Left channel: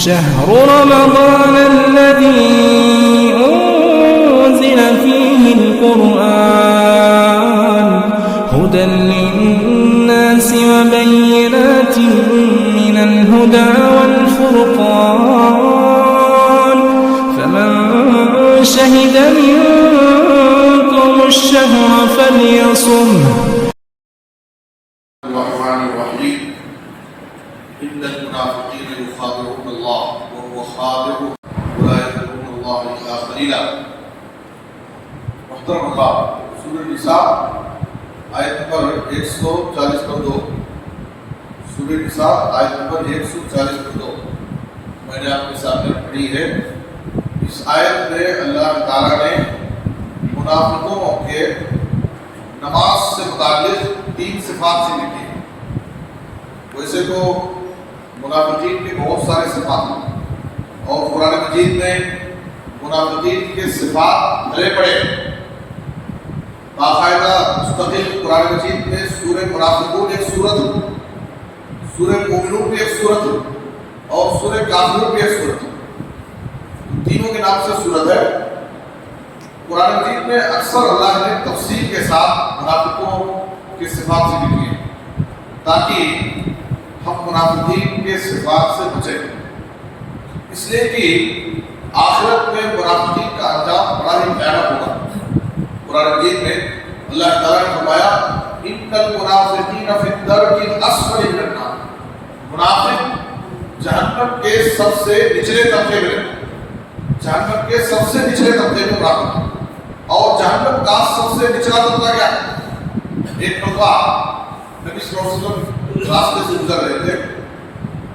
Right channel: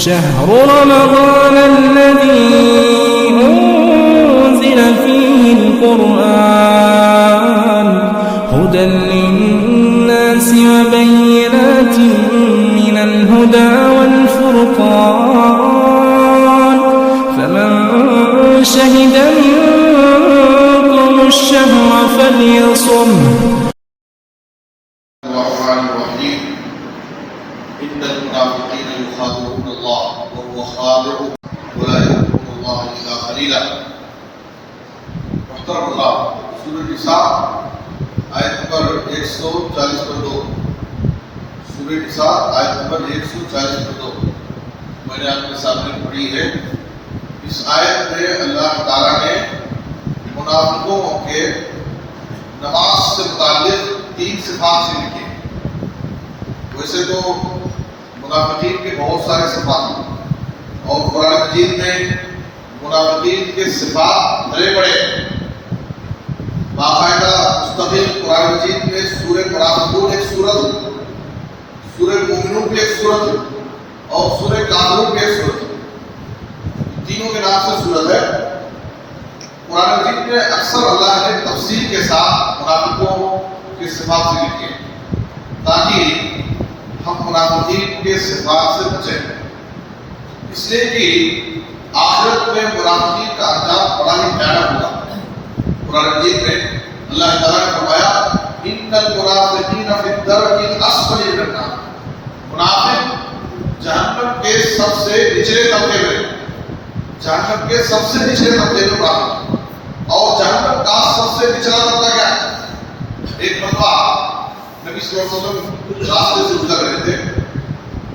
شهر رمضان الذي أنزل فيه القرآن هدى للناس وبينات من الهدى والفرقان فمن شهد منكم الشهر فليصمه. الرحمن الرحيم. إن المنافقين يخادعون الله وهو خادعهم ولا يذكرون الله إلا قليلا. محترم اللہ، سورۃ النساء آیت نمبر 140 سورۃ النساء آیت نمبر 140 میں نے آپ کے سامنے پڑھی ہے. اس آیت میں اللہ تعالیٰ نے منافقوں کے نماز سے متعلق 3 صفات سے لکھی. ویسے تو منافقین کے بہت سارے صفات ہیں اور قرآن مجید میں منافقین کے صفات بڑے بڑے باقاعدہ مستقل قرآن مجید میں سورہ منافقون ایک سورت ہے، سورہ مومنون بھی ایک سورت ہے اور سورہ کافرون بھی ایک سورت ہے. تینوں کے نام سے سورت ہے. قرآن مجید میں اکثر اللہ نے تفصیل کے ساتھ منافقوں کے صفات سے لکھی ہے تاکہ ہم منافقین کے صفات سے بچیں. اس لیے کہ آخرت میں منافقین کا انجام بڑا ہی بھیانک ہوگا. قرآن مجید میں اللہ تعالیٰ نے فرمایا ان المنافقین فی الدرک الاسفل من النار. منافق جہنم کے سب سے نچلے طبقے میں، جہنم کے سب سے نچلے طبقے میں منافق. اور جہنم کا سب سے نچلا طبقہ کیا ہے؟ ایک مرتبہ نبی صلی اللہ علیہ وسلم راستے سے گزر رہے تھے،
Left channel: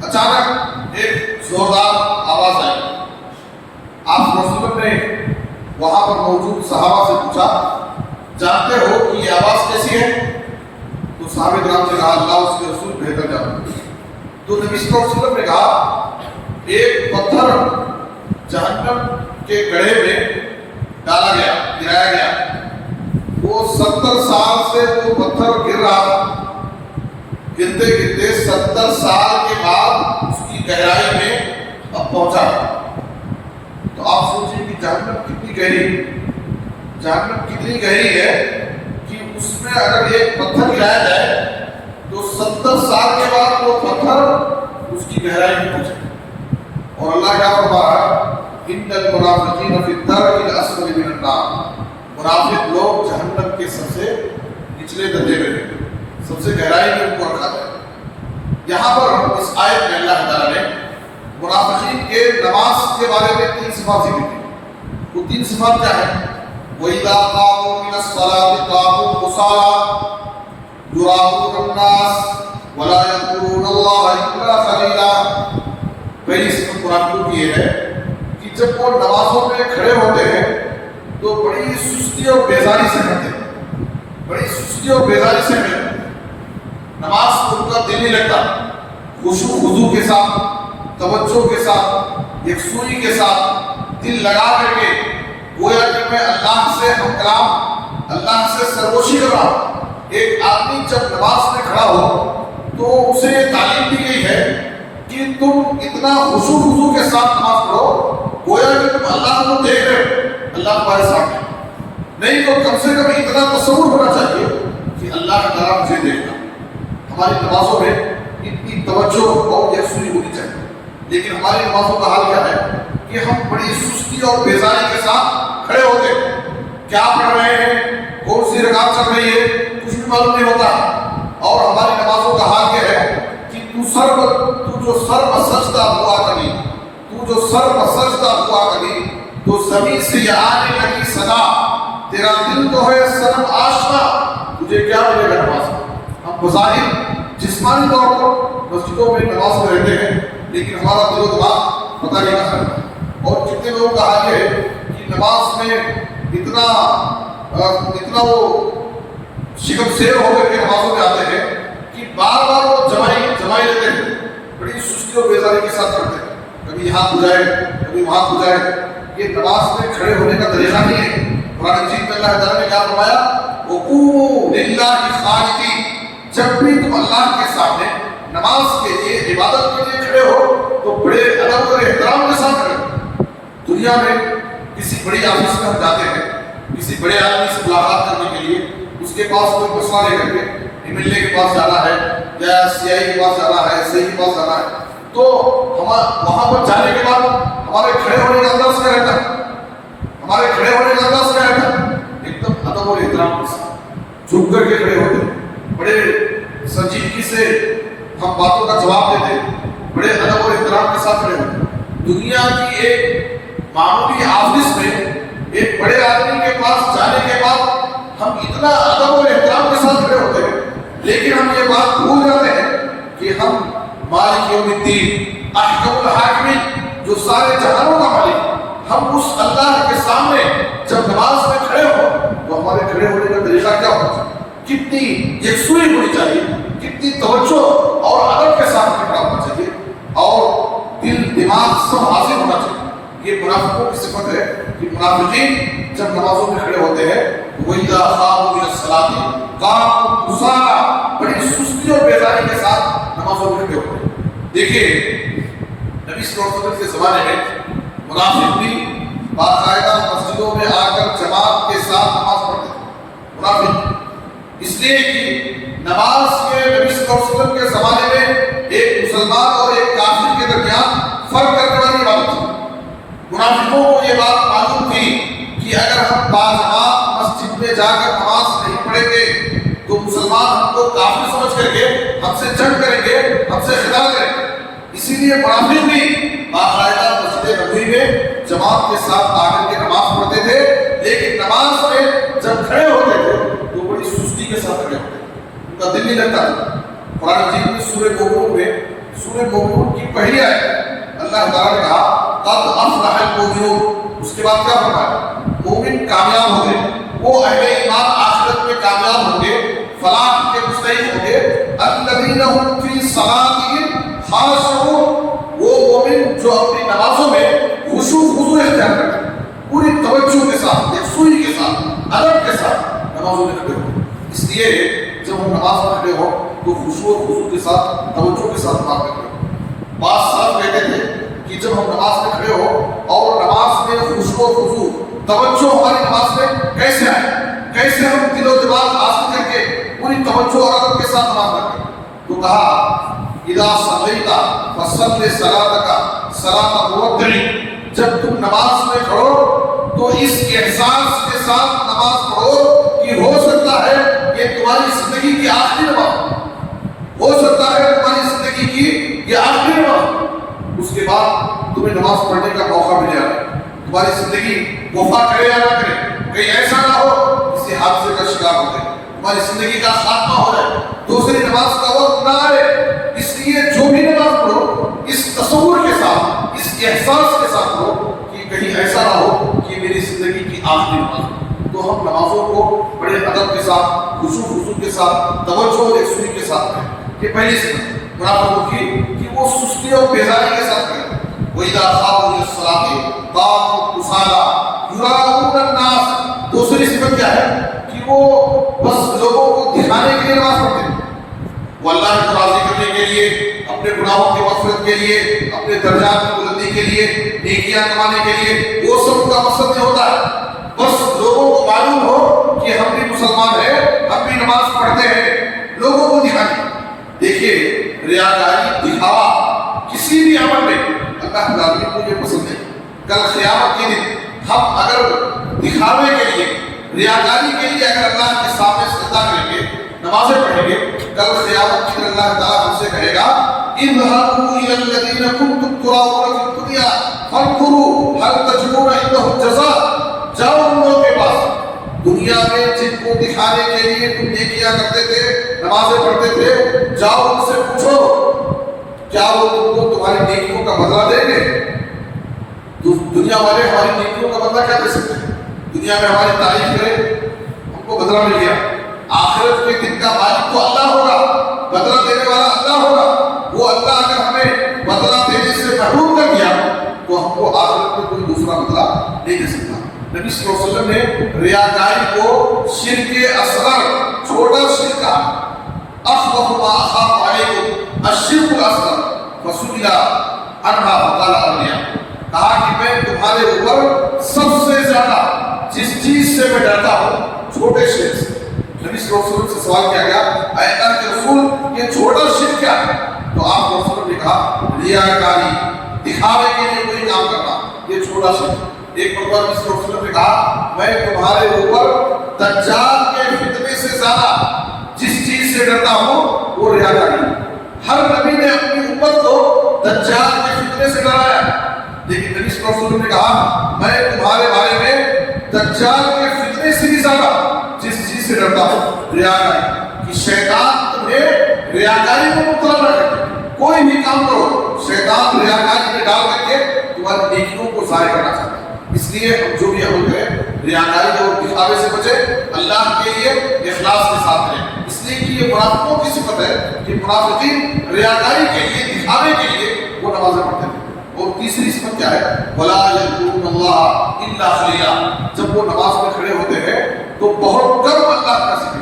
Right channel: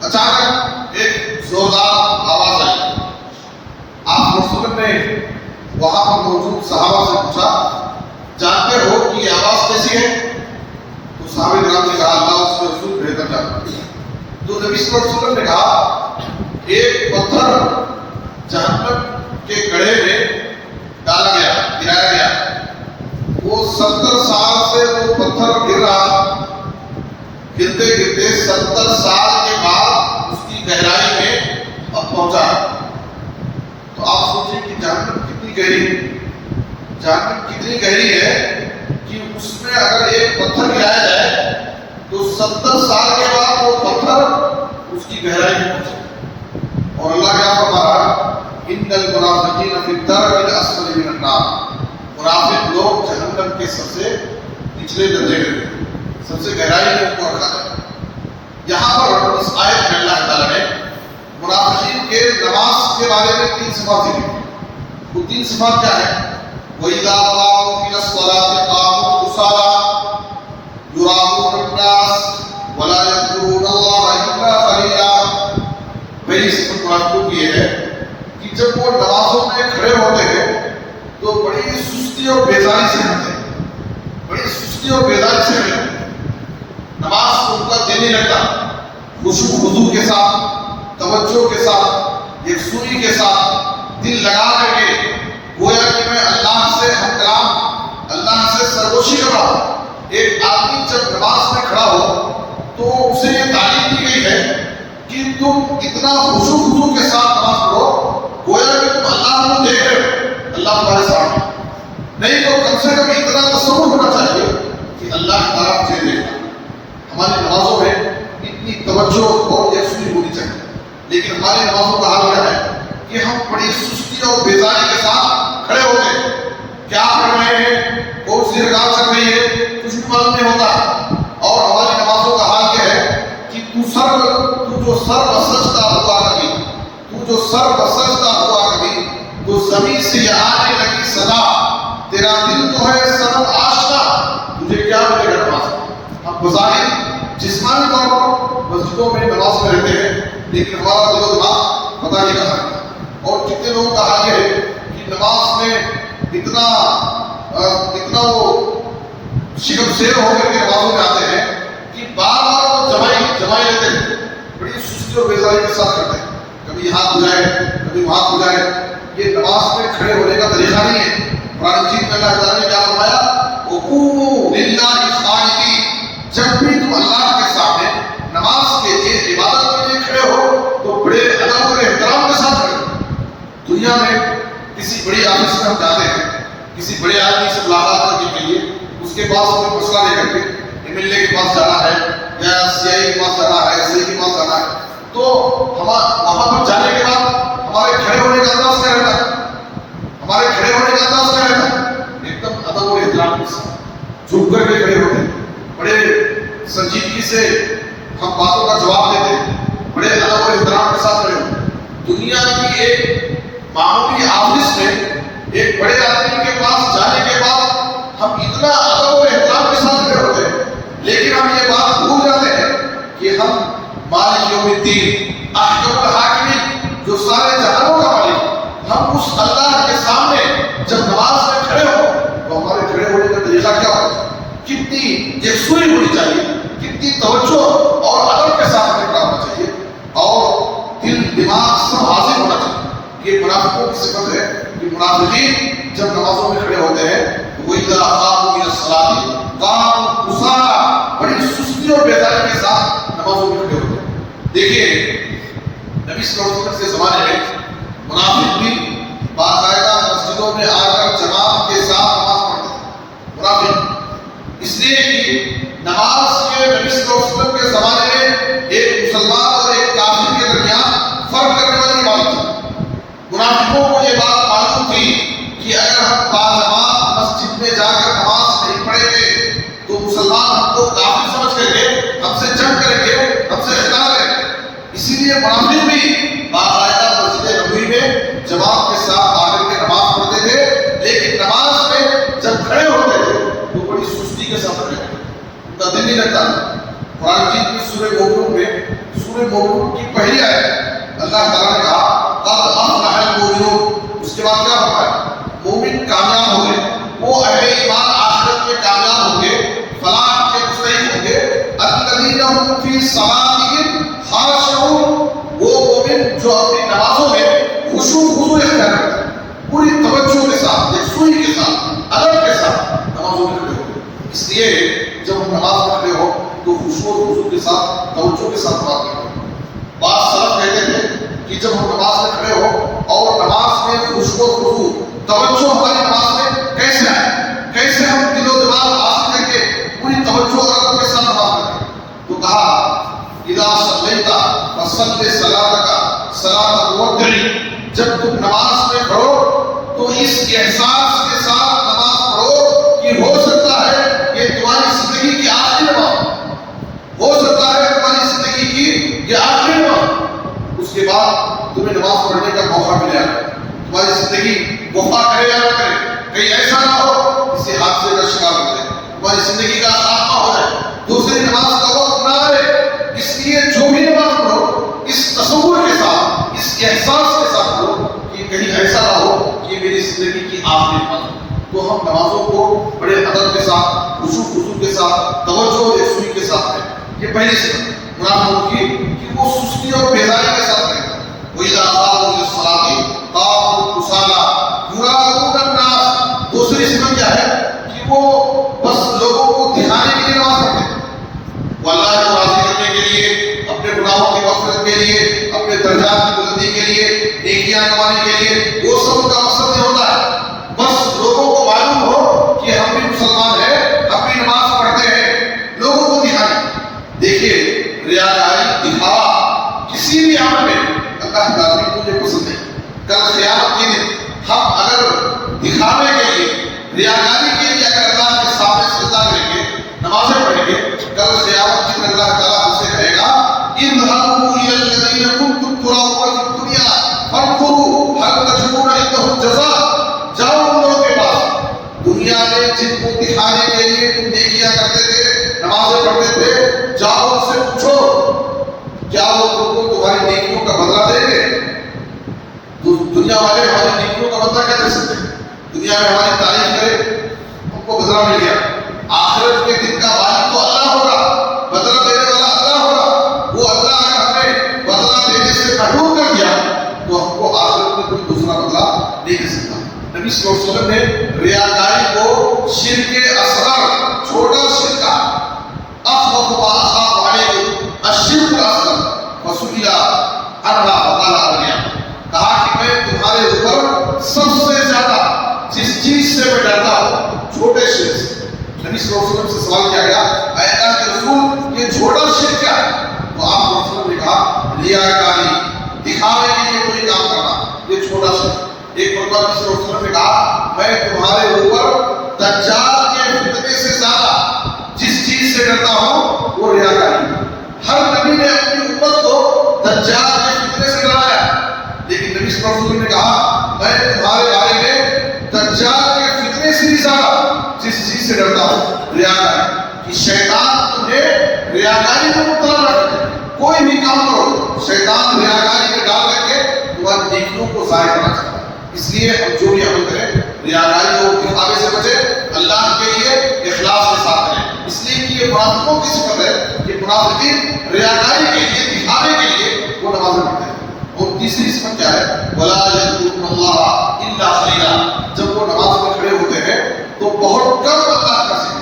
اچانک ایک زوردار آواز آئی. آپ صلی اللہ علیہ وسلم نے وہاں پر موجود صحابہ سے پوچھا جانتے ہو کہ یہ آواز کیسی ہے؟ تو صحابہ کرام نے کہا اللہ اس کے رسول بہتر جانتے. تو نبی صلی اللہ علیہ وسلم نے کہا ایک پتھر جہنم کے گڑھے میں ڈالا گیا، گرایا گیا. وہ 70 سال سے وہ پتھر گر رہا تھا. گرتے گرتے 70 سال کے بعد اس کی گہرائی میں اب پہنچا. تو آپ سوچیں کہ جہنم کتنی گہری ہے، جہنم کتنی گہری ہے کہ اس میں اگر ایک پتھر گرایا جائے تو 70 سال کے بعد وہ پتھر اس کی گہرائی میں پہنچے. اور اللہ کیا فرما رہا ہے ان المنافقین فی الدرک الاسفل من النار. منافق لوگ جہنم کے سب سے نچلے درجے میں، سب سے گہرائی میں ان کو رکھا جائے. یہاں پر اس آیت میں اللہ تعالیٰ نے منافقین کے نماز کے بارے میں 3 صفات ذکر کی. وہ 3 صفات کیا ہیں؟ وَإِذَا قَامُوا إِلَى الصَّلَاةِ قَامُوا كُسَالَىٰ يُرَاءُونَ النَّاسَ وَلَا يَذْكُرُونَ اللَّهَ إِلَّا قَلِيلًا. پہلی صفت منافقوں کی یہ ہے کہ جب وہ نمازوں میں کھڑے ہوتے ہیں تو بڑی سستی اور بیزاری سے رہتے ہیں، بڑی سستی اور بیزاری سے رہتے ہیں. نماز کو ان کا دل نہیں لگتا. خشوع خضوع کے ساتھ، توجہ کے ساتھ، یکسوئی کے ساتھ دل لگا کر کے گویا کہ میں اللہ سے ہم کلام، اللہ سے سرگوشی کر رہا ہوں. ایک آدمی جب نماز میں کھڑا ہو تو اسے یہ تعلیم دی گئی ہے کہ تم اتنا خشوع خضوع کے ساتھ نماز پڑھو گویا کہ تم اللہ کو دیکھ رہے ہو، اللہ تمہارے سامنے. نہیں تو کم سے کم اتنا تصور ہونا چاہیے کہ اللہ تعالیٰ مجھے دیکھنا. ہماری نمازوں میں اتنی توجہ اور یکسوئی ہونی چاہیے. لیکن ہماری نمازوں کا حال کیا ہے کہ ہم بڑی سستی اور بیزاری کے ساتھ کھڑے ہوتے ہیں. کیا پڑھ رہے ہیں، کون سی رکعت چل رہی ہے، کچھ بھی معلوم نہیں ہوتا. اور ہماری نمازوں کا حال کیا ہے کہ تو جو سر بسجدہ ہوا کبھی، تو جو سر بسجدہ ہوا کبھی تو زمین سے یہ آنے لگی صدا تیرا دل تو ہے سرم آشنا، تجھے کیا ملے گا نماز. ہم بظاہر جسمانی طور پر مسجدوں میں نماز میں رہتے ہیں لیکن ہمارا دل و دماغ پتہ نہیں کہاں ہے. اور کتنے لوگوں کا حال یہ ہے کہ نماز میں اتنا وہ شکم سیر ہو کر کے نمازوں میں آتے ہیں کہ بار بار وہ جمائی لیتے ہیں، بڑی سستی اور بیزاری کے ساتھ کرتے ہیں. کبھی ہاتھ ہو جائے کبھی وہاں ہو جائے. یہ نماز میں کھڑے ہونے کا طریقہ نہیں ہے. قرآن مجید میں اللہ تعالیٰ نے کیا فرمایا وَقُومُوا لِلَّهِ قَانِتِينَ. جب بھی تم اللہ کے سامنے نماز کے لیے عبادت کے لیے کھڑے ہو تو بڑے ادب اور دنیا میں کسی بڑی آفس میں ہم جاتے ہیں، کسی بڑے آدمی سے ملاقات کرنے کے لیے، اس کے پاس کوئی مسئلہ لے کر کے MLA کے پاس جانا ہے یا CI کے پاس جانا ہے، SI کے پاس جانا ہے، تو وہاں پر جانے کے بعد ہمارے کھڑے ہونے کا انداز کیا رہتا ہے؟ ہمارے کھڑے ہونے کا انداز کیا رہتا ہے؟ ایک دم ادب اور احترام کے ساتھ جھک کر کے کھڑے ہوتے ہیں، بڑے سنجیدگی سے ہم باتوں کا جواب دیتے ہیں، بڑے ادب اور احترام کے ساتھ کھڑے ہوتے ہیں۔ دنیا کی ایک معمولی آفس میں ایک بڑے آدمی کے پاس جانے کے بعد ہم اتنا ادب اور احترام کے ساتھ کھڑے ہوتے ہیں، لیکن ہم یہ بات بھول جاتے ہیں کہ ہم مالک یوم الدین، احکم الحاکمین، جو سارے جہانوں کا مالک، ہم اس اللہ کے سامنے جب نماز میں کھڑے ہو تو ہمارے کھڑے ہونے کا طریقہ کیا ہونا چاہیے، کتنی یکسوئی ہونی چاہیے، کتنی توجہ اور ادب کے ساتھ کھڑا ہونا چاہیے، اور دل دماغ سب حاضر ہونا چاہیے۔ یہ منافقوں کی صفت ہے کہ منافقین جب نمازوں میں کھڑے ہوتے ہیں وَإِذَا قَامُوا إِلَى الصَّلَاةِ قَامُوا كُسَالَىٰ، بڑی سستی اور بیزاری کے ساتھ نمازوں میں کھڑے ہوتے ہیں۔ دیکھیے نبی صلی اللہ علیہ وسلم کے زمانے میں منافق بھی باقاعدہ مسجدوں میں آ کر جماعت کے ساتھ نماز پڑھتے تھے۔ منافق اس لیے کہ نماز کے نبی صلی اللہ علیہ وسلم کے زمانے میں ایک مسلمان اور ایک کافر کے درمیان فرق کرنے والی بات تھی۔ منافقوں کو یہ بات معلوم تھی کہ اگر ہم باجماعت مسجد میں جا کر نماز نہیں پڑھیں گے تو مسلمان ہم کو کافر سمجھ کر کے ہم سے جنگ کریں گے، ہم سے خطاب کریں گے۔ اسی لیے منافق بھی باقاعدہ مسجد نبوی میں جماعت کے ساتھ آ کر کے نماز پڑھتے تھے، لیکن نماز میں جب کھڑے ہوتے تھے تو بڑی سستی کے ساتھ کھڑے ہوتے تھے، ان کا دل نہیں لگتا تھا۔ قرآن مجید میں سورہ مومنون میں، سورہ مومنون کی پہلی آیت اللہ تعالیٰ نے کہا قد افلح المؤمنون، اس کے بعد کیا فرمایا؟ مومن کامیاب ہوں گے، وہ اہل ایمان آخرت میں کامیاب ہوں گے، فلاح کے مستحق ہوں گے، الذین هم فی صلاتهم خاشعون، وہ مومن جو اپنی نمازوں میں خضوع اختیار کرتے ہیں، پوری توجہ کے ساتھ، یکسوئی کے ساتھ، ادب کے ساتھ نمازوں میں کھڑے ہو۔ اس لیے جب ہم نماز میں کھڑے ہو تو خضوع کے ساتھ، توجہ کے ساتھ نماز میں کھڑے ہو۔ بعض سلف کہتے تھے کہ جب ہم نماز میں کھڑے ہو اور نماز میں خضوع توجہ ہماری نماز میں کیسے آئے، کیسے ہم دل و دماغ حاصل کر کے پوری توجہ اور ادب کے ساتھ نماز پڑھیں، تو کہا اذا صلیت فصل صلاتک صلاۃ مودع، جب تم نماز میں کھڑو تو اس احساس کے ساتھ نماز پڑھو کہ ہو سکتا ہے یہ تمہاری زندگی کی آخری نماز، ہو سکتا ہے تمہاری زندگی کی یہ آخری نماز، اس کے بعد تمہیں نماز پڑھنے کا موقع ملے گا، تمہاری زندگی وفا کرے یا نہ کرے، کہیں ایسا نہ ہو کسی حادثے کا شکار ہو جائے، تمہاری زندگی کا خاتمہ ہو جائے، دوسری نماز کا وقت نہ آئے۔ اس لیے جو بھی نماز پڑھو اس تصور کے ساتھ، اس احساس کے ساتھ پڑھو کہ کہیں ایسا نہ ہو کہ میری زندگی کی آخری نماز ہو۔ تو ہم نمازوں کو بڑے ادب کے ساتھ، خضوع کے ساتھ، توجہ اور یکسوئی کے ساتھ پڑھیں۔ یہ پہلی صفت منافقوں کی کہ وہ سستی اور بیزاری کے ساتھ پڑھیں۔ وَإِذَا قَامُوا إِلَى الصَّلَاةِ قَامُوا كُسَالَىٰ يُرَاءُونَ النَّاسَ، دوسری صفت کیا ہے کہ وہ بس لوگوں کو دکھانے کے لیے نماز پڑھتے ہیں، وہ اللہ کو راضی کرنے کے لیے، اپنے گناہوں کی مغفرت کے لیے، اپنے درجات کی بلندی کے لیے، نیکیاں کمانے کے لیے، وہ سب ان کا مقصد نہیں ہوتا ہے، بس لوگوں کو معلوم ہو کہ ہم بھی مسلمان ہیں، ہم بھی نماز پڑھتے ہیں، لوگوں کو دکھانے۔ دیکھیے ریاکاری، دکھاوا کسی بھی عمل میں اللہ تعالیٰ کو یہ پسند نہیں۔ کل قیامت کے دن ہم اگر دکھاوے کے لیے، ریاکاری کے لیے اگر اللہ کے سامنے سجدہ کریں گے، نمازیں پڑھیں گے، کل قیامت کے دن اللہ تعالیٰ ہم سے کہے گا اذهبوا الى الذين كنتم تراؤون في الدنيا فانظروا هل تجدون عندهم جزاء، جاؤ ان لوگوں کے پاس دنیا میں جن کو دکھانے کے لیے تم نیکیاں کرتے تھے، نمازیں پڑھتے تھے، جاؤ ان سے پوچھو کیا وہ تم کو تمہاری نیکیوں کا بدلہ دیں گے؟ دنیا والے ہماری نیکیوں کا بدلہ کیا دے سکتے ہیں؟ دنیا میں ہماری تعریف کرے، ہم کو بدلہ مل گیا، آخرت کے دن کا مالک تو اللہ ہوگا، بدلہ دینے والا اللہ ہوگا، وہ اللہ اگر ہمیں بدلہ دینے سے محروم کر دیا تو ہم کو آخرت میں کوئی دوسرا بدلہ نہیں دے سکتا۔ نبی صلی اللہ علیہ وسلم نے ریاکاری کو شرک اصغر، چھوٹا شرک کہا، اخوف ما اخاف علیکم الشرک الاصغر فسئل عنہا فقال ارنیا، کہا کہ میں تمہارے اوپر میں ڈرتا ہوں چھوٹے شرک سے. نبی صلی اللہ علیہ وسلم سے سوال کیا گیا اے اللہ کے رسول یہ چھوٹا شرک کیا ہے؟ تو آپ صلی اللہ علیہ وسلم نے کہا ریاکاری، دکھاوے کے لیے کوئی کام کرنا، یہ چھوٹا شرک. ایک مرتبہ نبی صلی اللہ علیہ وسلم نے کہا میں تمہارے اوپر دجال کے فتنے سے زیادہ جس چیز سے ڈرتا ہوں وہ ریاکاری. ہر نبی نے اپنی امت کو دجال کے فتنے سے ڈرایا، لیکن نبی صلی اللہ علیہ وسلم نے کہا میں تمہارے بارے میں دجال کے فتنے سے بھی زیادہ جس چیز سے ڈرتا ہوں ریاکاری، کہ شیطان تمہیں ریاکاری میں مبتلا نہ کرے. کوئی بھی کام کرو شیطان ریاکاری میں ڈال کر کے تمہاری نیکیوں کو ضائع کرنا چاہتا ہے. اس لیے ہم جو بھی عمل کریں ریاکاری اور دکھاوے سے بچیں، اللہ کے لیے اخلاص کے ساتھ کریں. اس لیے کہ یہ منافقوں کی صفت ہے کہ منافقین ریاکاری کے لیے، دکھاوے کے لیے وہ نمازیں پڑھتے ہیں. اور تیسری صفت کیا ہے؟ وَلَا يَذْكُرُونَ اللَّهَ إِلَّا قَلِيلًا. جب وہ نماز میں کھڑے ہوتے ہیں تو بہت کم اللہ کا ذکر،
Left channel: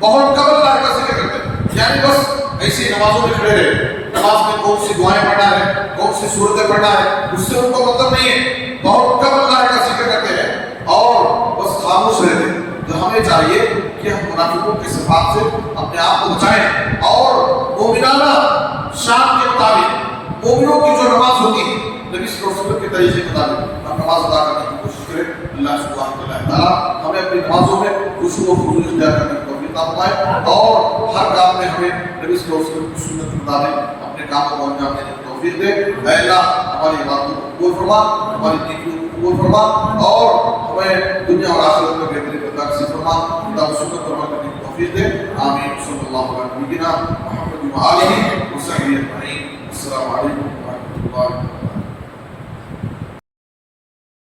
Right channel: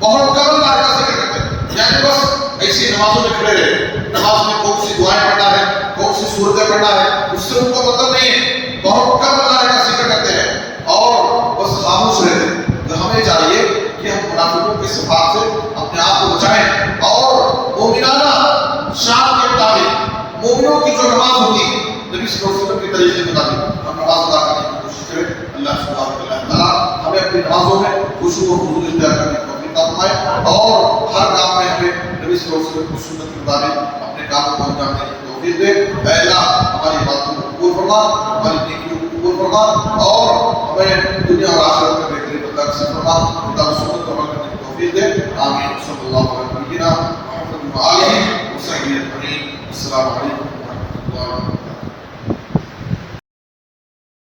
بہت کم اللہ کا ذکر کرتے ہیں. یعنی بس ایسی نمازوں میں کھڑے رہے، نماز میں کون سی دعائیں پڑھنا ہے، کون سی صورتیں پڑھنا ہے، اس سے ان کو مطلب نہیں ہے. بہت کم اللہ کا ذکر کرتے ہیں اور بس خاموش رہتے ہیں. تو ہمیں چاہیے کہ ہم منافقوں کے صفات سے اپنے آپ کو بچائیں اور مومنانہ شان کے مطابق مومنوں کی جو نماز ہوتی ہے نبی صلی اللہ علیہ وسلم کے طریقے کے مطابق ہم نماز ادا کرنے کی کوشش کریں. اللہ سبحانہ و تعالیٰ ہمیں اپنی نمازوں میں خشوع و خضوع اختیار کرنے کی توفیق عطا فرمائے اور ہر کام میں ہمیں نبی صلی اللہ علیہ وسلم کی سنت کے مطابق اپنے کام کو انجام دینے کی توفیق دے. اے اللہ ہماری عبادتوں کو قبول فرما، ہماری نیکیوں کو قبول فرما اور ہمیں دنیا اور آخرت میں بہترین عطا نصیب فرما. خدا و سنت کو عمل کرنے کی توفیق دے. آمین. صلی اللہ علیہ وسلم محمد و آلہ و صحبہ اجمعین. السلام علیکم ورحمۃ اللہ.